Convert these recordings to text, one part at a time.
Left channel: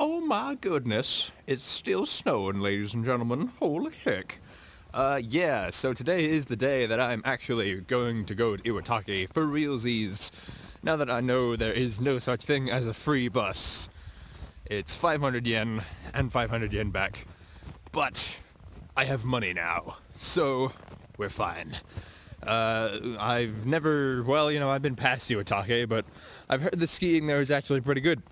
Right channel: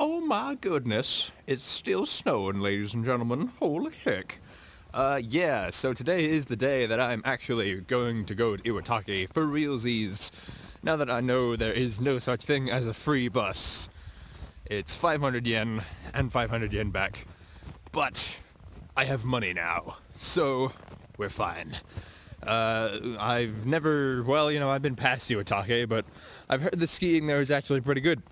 Oh my goodness, it's still snowing, ladies and gentlemen. Holy heck. Yeah, so today is the day that I'm actually going to go to Iwatake for realsies. Now that I know there is no such thing as a free bus. It's 500 yen and 500 yen back. But I have money now, so we're fine. I've never, I've been past Iwatake, but I've heard the skiing there is actually pretty good.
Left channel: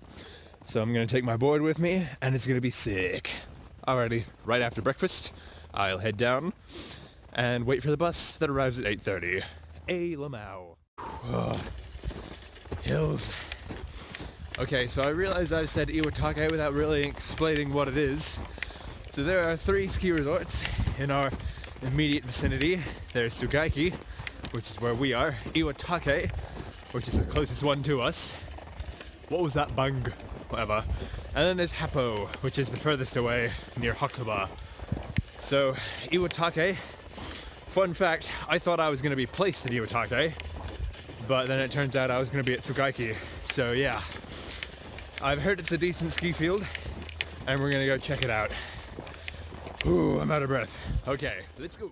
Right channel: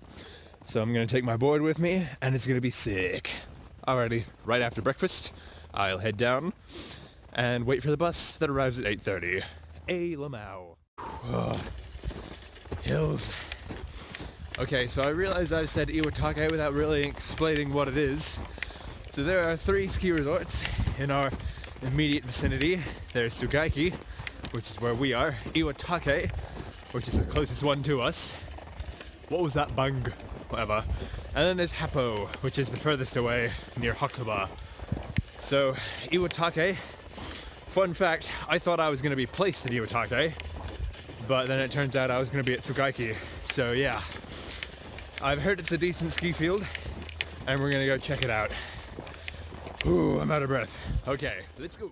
So I'm going to take my board with me, and it's going to be sick. Alrighty, right after breakfast, I'll head down and wait for the bus that arrives at 8:30. Lamau. Hills. Okay, so I realize I've said Iwatake without really explaining what it is. So there are 3 ski resorts in our immediate vicinity. There's Tsugaiki, which is where we are, Iwatake, which is the closest one to us. What was that bang? Whatever. And then there's Happo, which is the furthest away, near Hakuba. So, Iwatake, fun fact, I thought I was going to be placed at Iwatake, but then it turns out I was going to be at Tsugaiki. So yeah, I've heard it's a decent ski field, and we're going to go check it out. Ooh, I'm out of breath. Okay, let's go.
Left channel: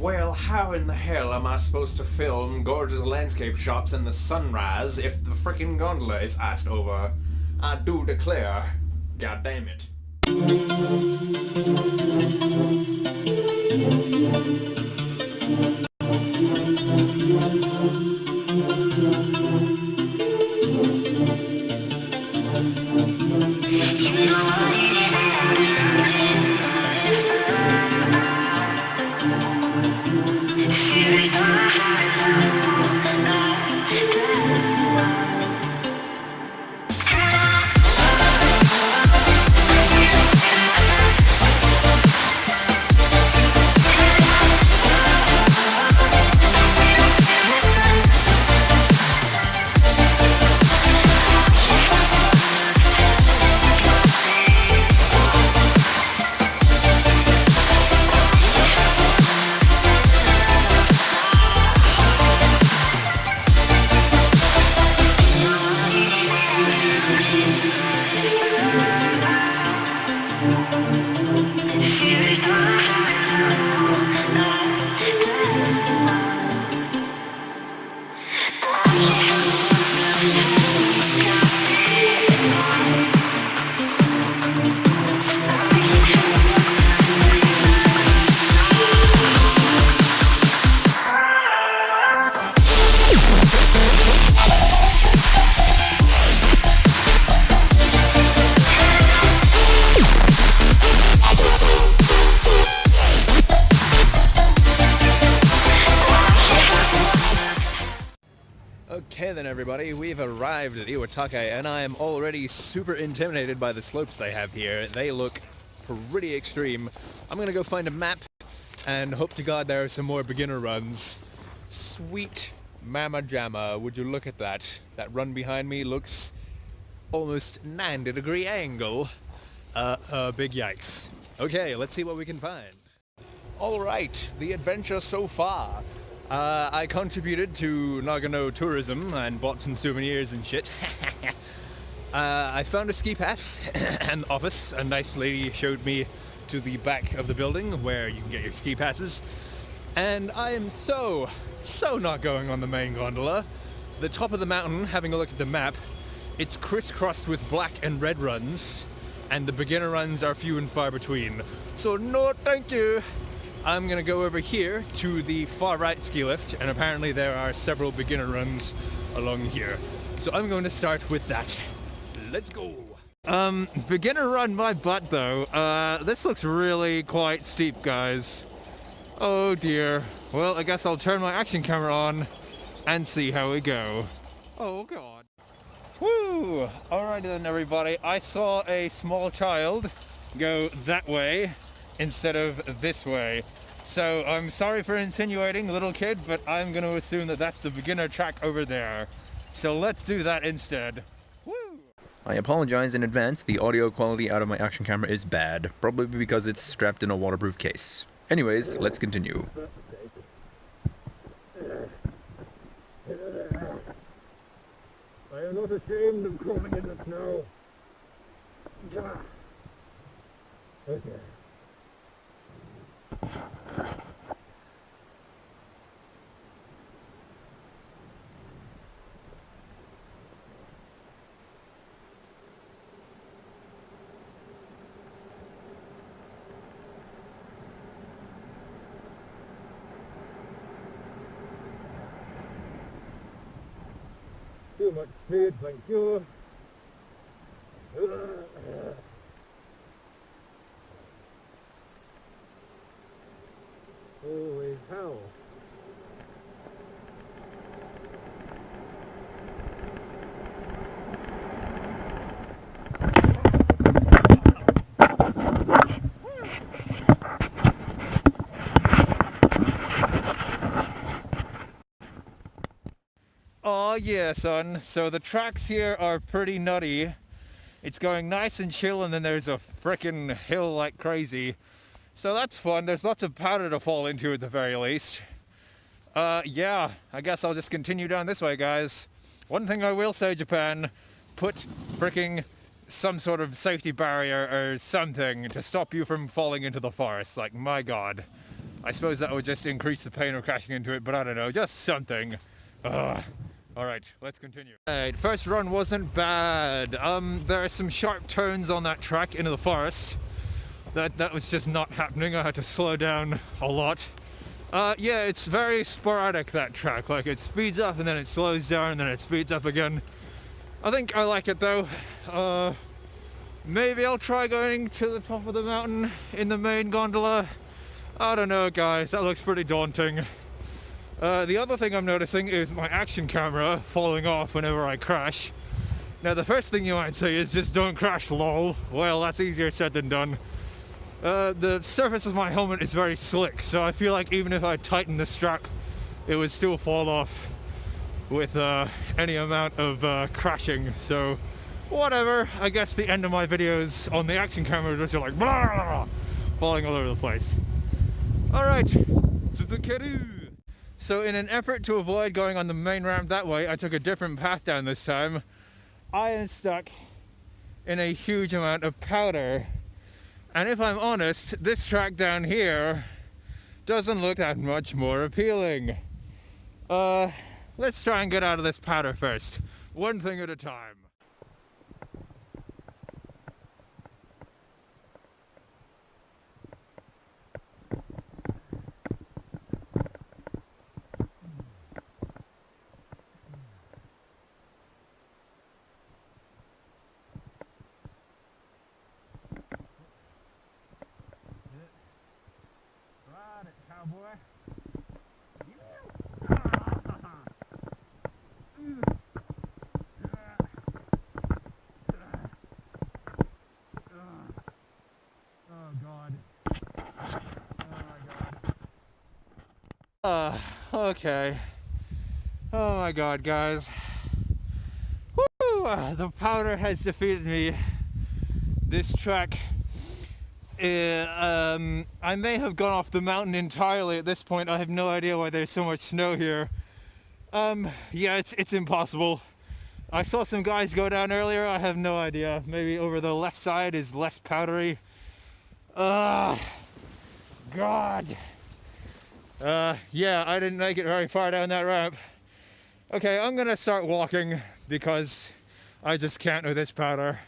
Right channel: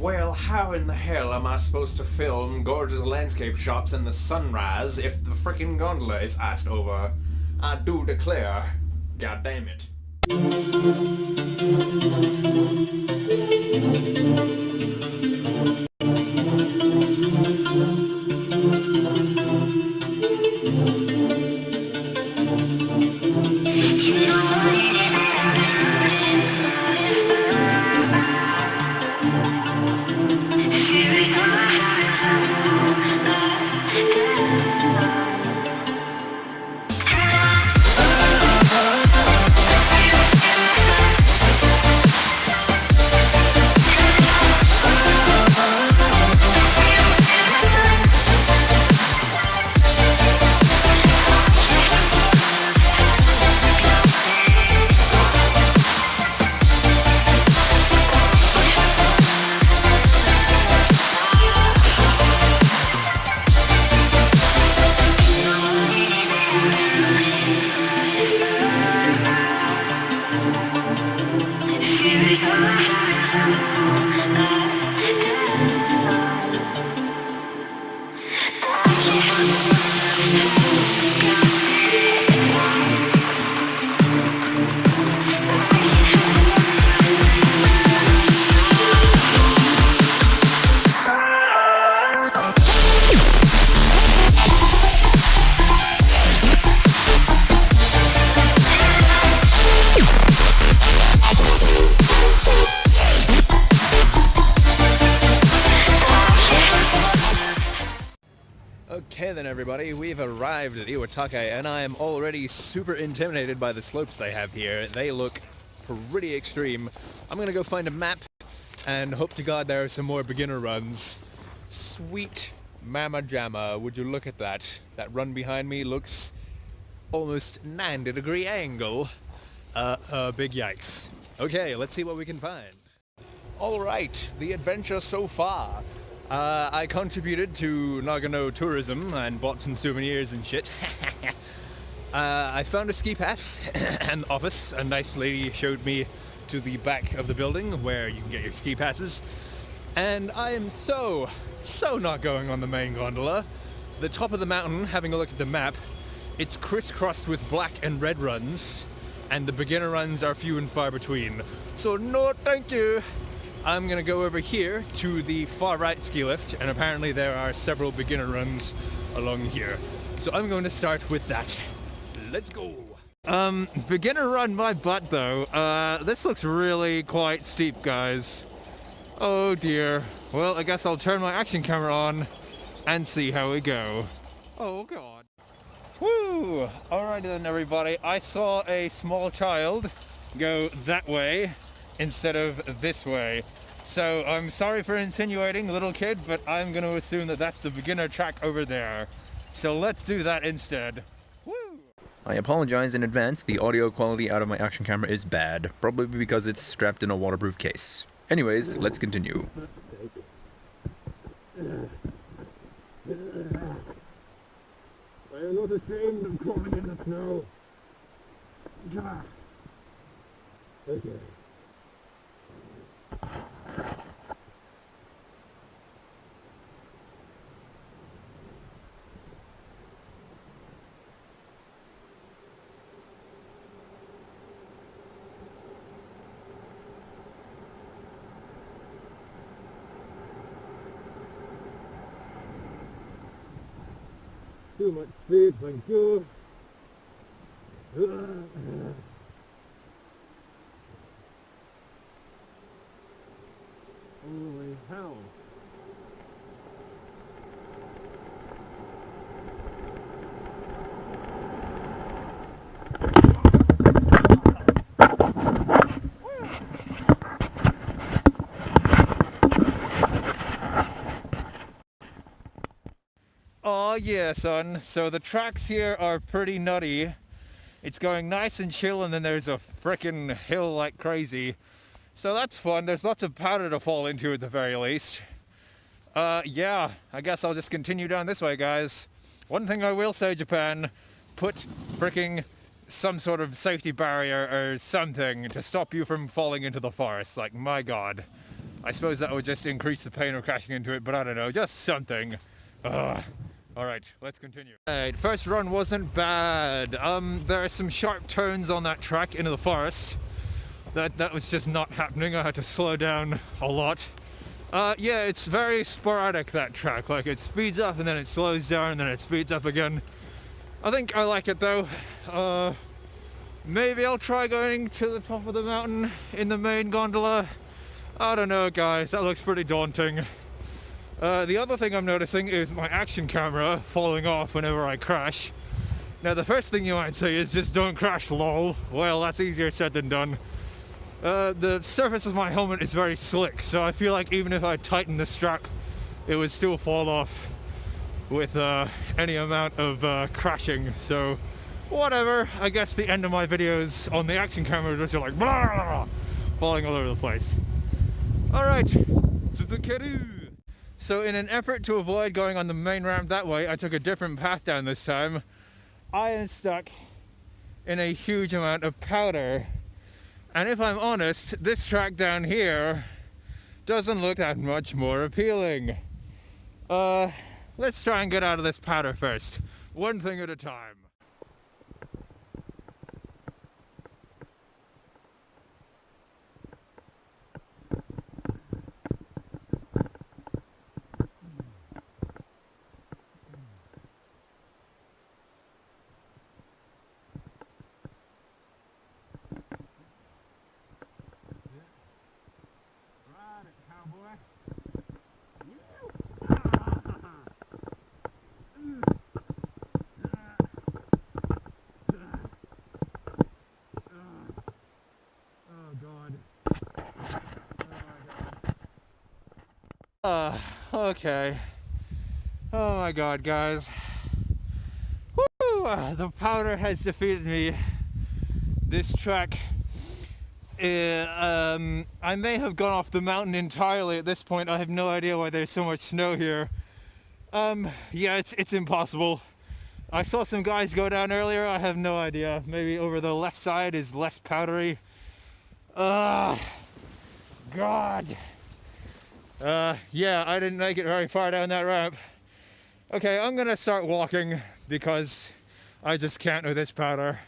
Well, how in the hell am I supposed to film gorgeous landscape shots in the sunrise if the frickin' gondola is iced over? I do declare, god damn it. Okay then everybody, we've arrived at Iwatake and I am already super intimidated by the slopes they have here. They look pretty extreme. I'm gonna go find a map and hope to God there are some more beginner runs. Sweet mama jamma, would you look at that? That run behind me looks almost 90-degree angle. Big yikes. Okay, let's see what we can find. Alright, the adventure so far. I contributed to Nagano tourism and bought some souvenirs and shit. I found a ski pass and office. A nice lady showed me to the back of the building where you can get your ski passes. And I am so not going on the main gondola. The top of the mountain, having a look at the map, it's crisscrossed with black and red runs, and the beginner runs are few and far between. So no thank you. I'm gonna go over here to the far right ski lift, and apparently there are several beginner runs along here. So I'm going to start with that. Let's go. Beginner run my butt though. This looks really quite steep, guys. Oh dear. Well, I guess I'll turn my action camera on and see how we go. Oh god. Woo! Alrighty then everybody, I saw a small child go that way instead of this way. So I'm sorry for insinuating little kid, but I'm going to assume that that's the beginner track over there. So let's do that instead. Woo! I apologize in advance, the audio quality out of my action camera is bad, probably because it's strapped in a waterproof case. Anyways, let's continue. not ashamed of crawling in the snow. Okay. Too much speed, thank you. Holy hell. Oh yeah, son. So the tracks here are pretty nutty. It's going nice and chill, and then there's a frickin' hill like crazy. So that's fun. There's lots of powder to fall into at the very least. Yeah, I guess I'll just continue down this way, guys. One thing I will say, Japan, put fricking some sort of safety barrier or something to stop you from falling into the forest. Like, my god. I suppose that would just increase the pain of crashing into it, but I don't know, just something. Alright, let's continue. Alright, first run wasn't bad. There are some sharp turns on that track into the forest. That was just not happening. I had to slow down a lot. Yeah, it's very sporadic, that track. Like, it speeds up and then it slows down and then it speeds up again. I think I like it though. Maybe I'll try going to the top of the mountain in the main gondola. I don't know, guys. That looks pretty daunting. The other thing I'm noticing is my action camera falling off whenever I crash. Now, the first thing you might say is just don't crash, lol. Well, that's easier said than done. The surface of my helmet is very slick, so I feel like even if I tighten the strap, it would still fall off with any amount of crashing. So, whatever. I guess the end of my videos on the action camera just are like blah, blah, blah, falling all over the place. Alright, Suzuki. So in an effort to avoid going on the main ramp that way, I took a different path down this time. I am stuck in a huge amount of powder. And if I'm honest, this track down here doesn't look that much more appealing. Let's try and get out of this powder first. One thing at a time. Cowboy. Oh god. Okay. Oh my god, guys. Woo! The powder has defeated me. This track, I may have gone off the mountain entirely at this point. I have no idea why there's so much snow here. Yeah, it's impossible. I saw some guys go down earlier. I have no idea. Maybe over the left side is less powdery. God. Yeah, I didn't make it very far down that ramp. Okay, I'm gonna start walking because I just can't with this powder.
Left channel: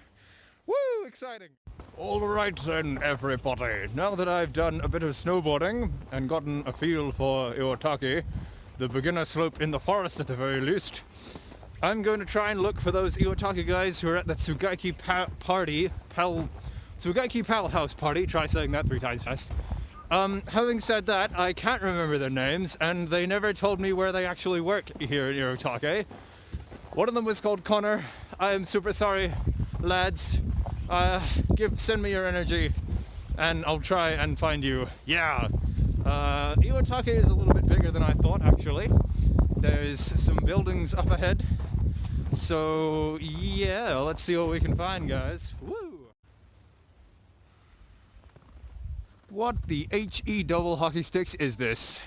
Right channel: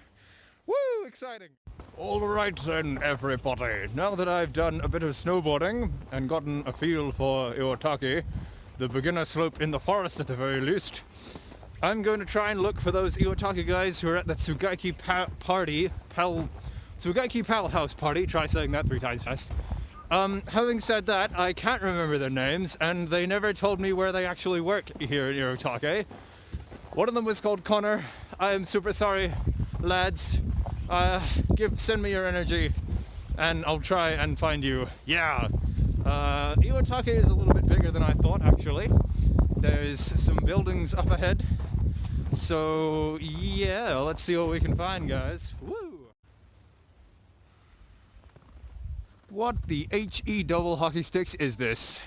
Woo, exciting. Alright then, everybody. Now that I've done a bit of snowboarding and gotten a feel for Iwatake, the beginner slope in the forest at the very least, I'm going to try and look for those Iwatake guys who are at the Tsugaiki Tsugaiki Pal House party. Try saying that 3 times fast. Having said that, I can't remember their names, and they never told me where they actually work here in Iwatake. One of them was called Connor. I am super sorry, lads. Send me your energy, and I'll try and find you. Yeah. Iwatake is a little bit bigger than I thought, actually. There's some buildings up ahead. So, yeah, let's see what we can find, guys. Woo! What the HE double hockey sticks is this?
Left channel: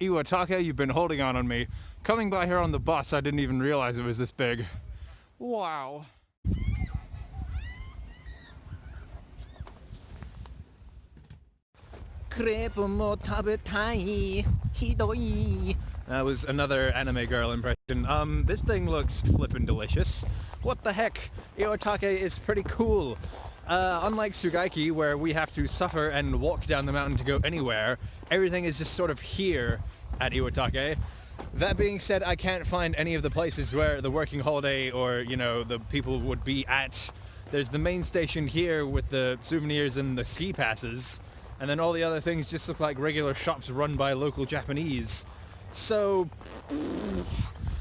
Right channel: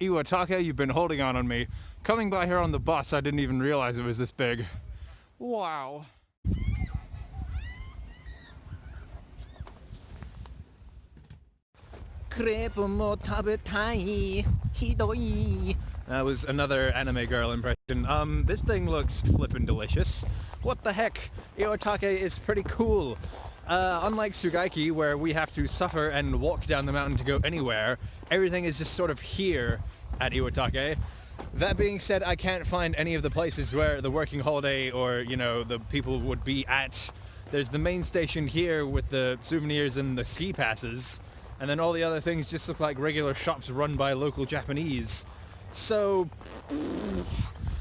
Iwatake, you've been holding on me. Coming by here on the bus, I didn't even realize it was this big. Wow. That was another anime girl impression. This thing looks flippin' delicious. What the heck? Iwatake is pretty cool. Unlike Tsugaiki, where we have to suffer and walk down the mountain to go anywhere, everything is just sort of here at Iwatake. That being said, I can't find any of the places where the working holiday or, you know, the people would be at. There's the main station here with the souvenirs and the ski passes, and then all the other things just look like regular shops run by local Japanese. So,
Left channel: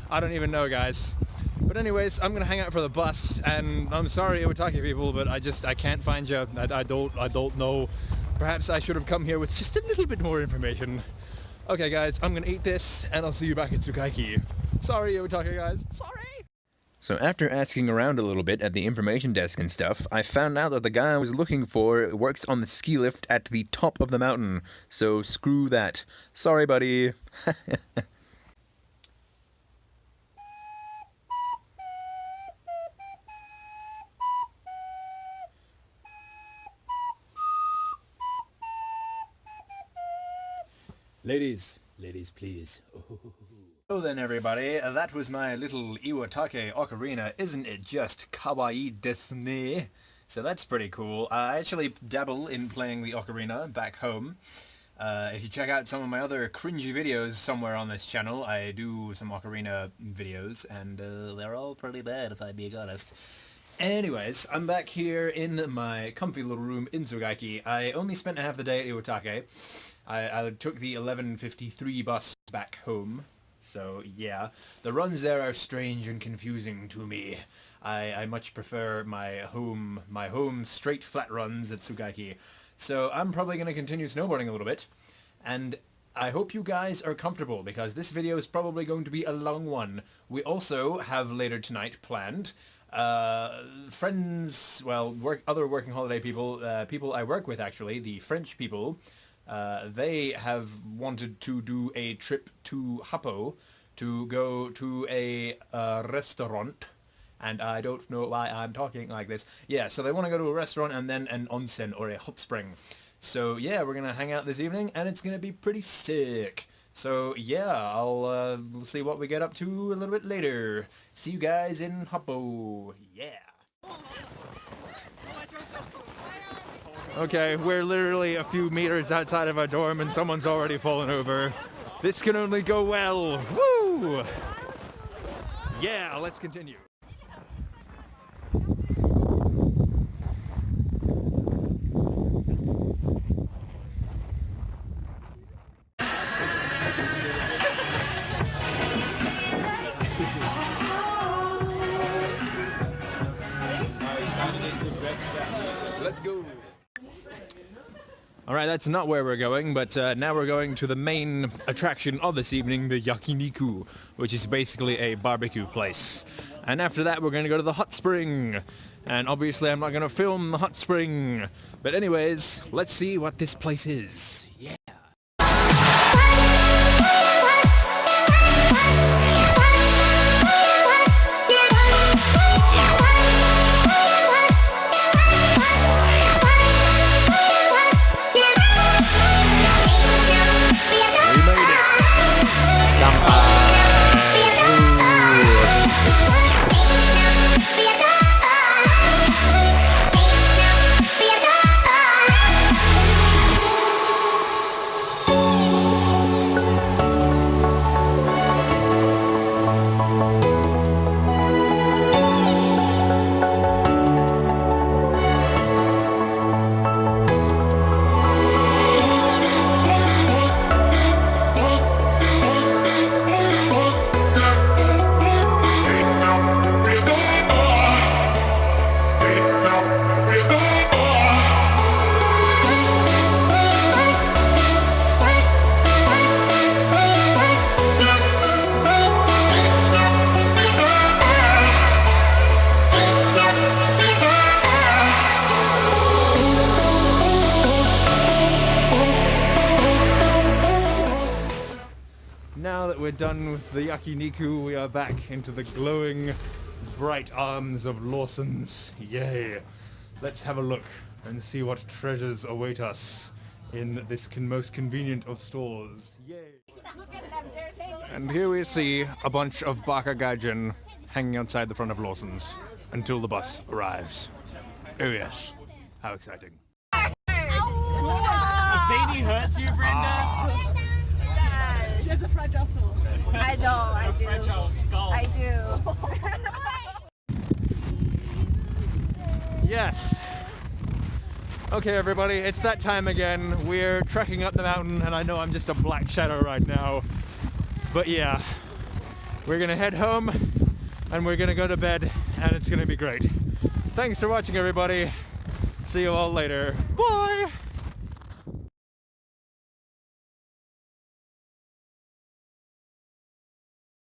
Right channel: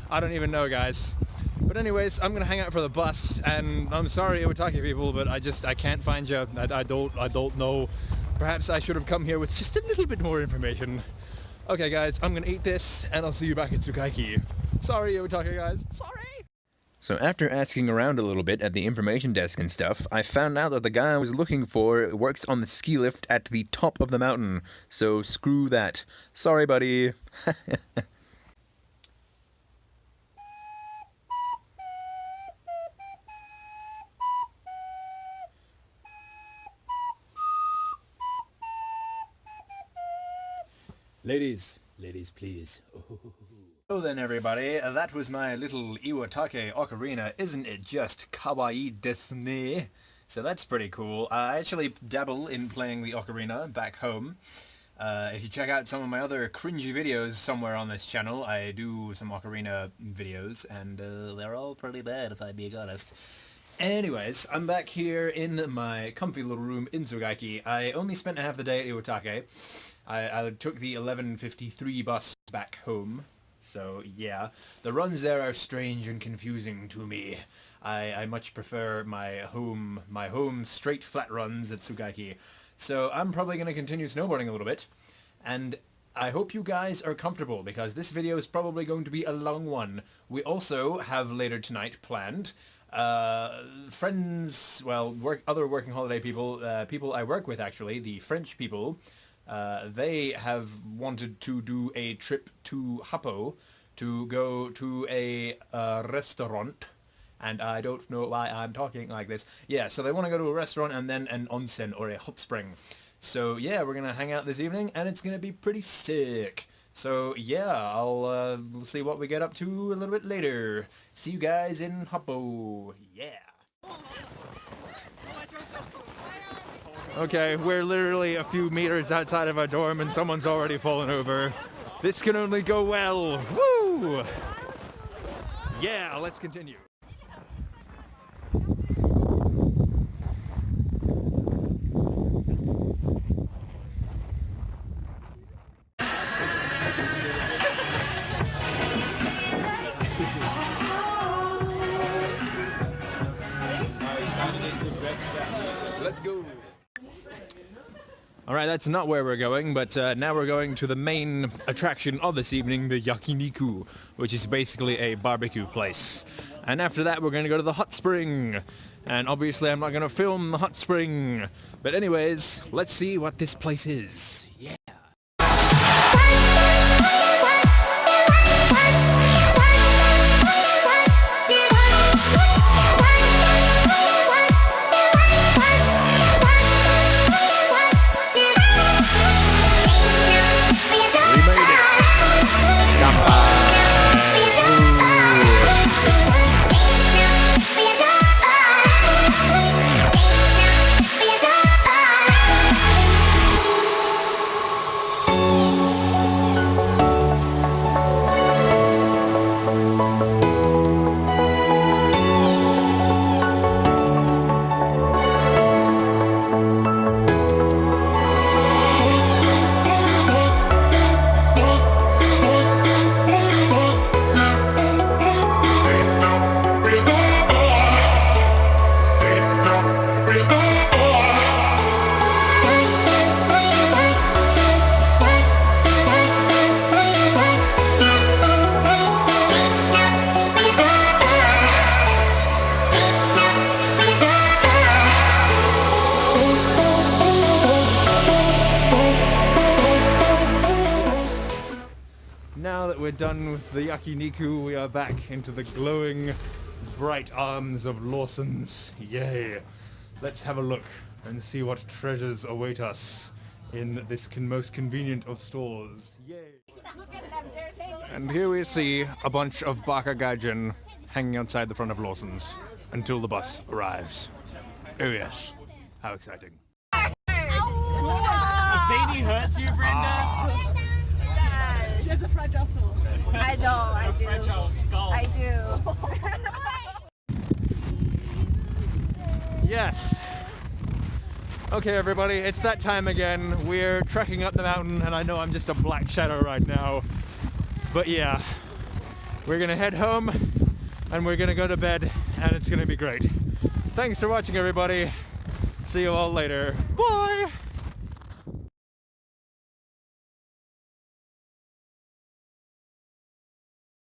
I don't even know, guys. But anyways, I'm gonna hang out for the bus, and I'm sorry, Iwatake people, but I can't find you. I don't know. Perhaps I should have come here with just a little bit more information. Okay, guys, I'm gonna eat this, and I'll see you back at Tsugaiki. Sorry, Iwatake guys. Sorry. So after asking around a little bit at the information desk and stuff, I found out that the guy I was looking for works on the ski lift at the top of the mountain. So screw that. Sorry, buddy. Ladies, please. So then everybody, that was my little Iwatake ocarina. Isn't it just kawaii desu ne? So that's pretty cool. I actually dabble in playing the ocarina back home. If you check out some of my other cringy videos somewhere on this channel, I do some ocarina videos, and they're all pretty bad if I'm being honest. Anyways, I'm back here in my comfy little room in Tsugaiki. I only spent half the day at Iwatake. I took the 11:53 bus back home. So yeah, the runs there are strange and confusing to me. I much prefer my home straight flat runs at Tsugaiki. So I'm probably going to continue snowboarding a little bit. And I hope you guys are comfortable, because this video is probably going to be a long one. We also have later tonight planned friends, well, other working holiday people, people I work with actually, the French people. They have wanted to do a trip to Happo to go to a restaurant, and I don't know why I'm talking like this. Yeah, so they want to go to a restaurant and then an onsen, or a hot spring. So yeah, we're gonna hang out this evening, and it's gonna be pretty sick. So yeah, I'll see what we get up to a little bit later. See you guys in Happo. Yeah. Okay, we're literally a few meters outside of our dorm and someone's already fallen over. This can only go well. Woo! Yeah, let's continue. Let's go. Alright, that's not where we're going, but now we're going to the main attraction of this evening, the yakiniku, which is basically a barbecue place. And after that, we're going to go to the hot spring. And obviously, I'm not going to film the hot spring. But anyways, let's see what this place is. Yeah. Now that we're done with the yakiniku, we are back into the glowing bright arms of Lawson's. Yay! Let's have a look and see what treasures await us in this most convenient of stores. Yay! And here we see a bunch of baka gaijin hanging outside the front of Lawson's until the bus arrives. Oh yes, how exciting. Baby hurts you, Brenda? She has a fragile soul. I know, I do. Fragile skull. I do. Yes. Okay, everybody, it's that time again. We're trekking up the mountain, and I know I'm just a black shadow right now. But yeah, we're gonna head home, and we're gonna go to bed, and it's gonna be great. Thanks for watching, everybody. See you all later. Bye!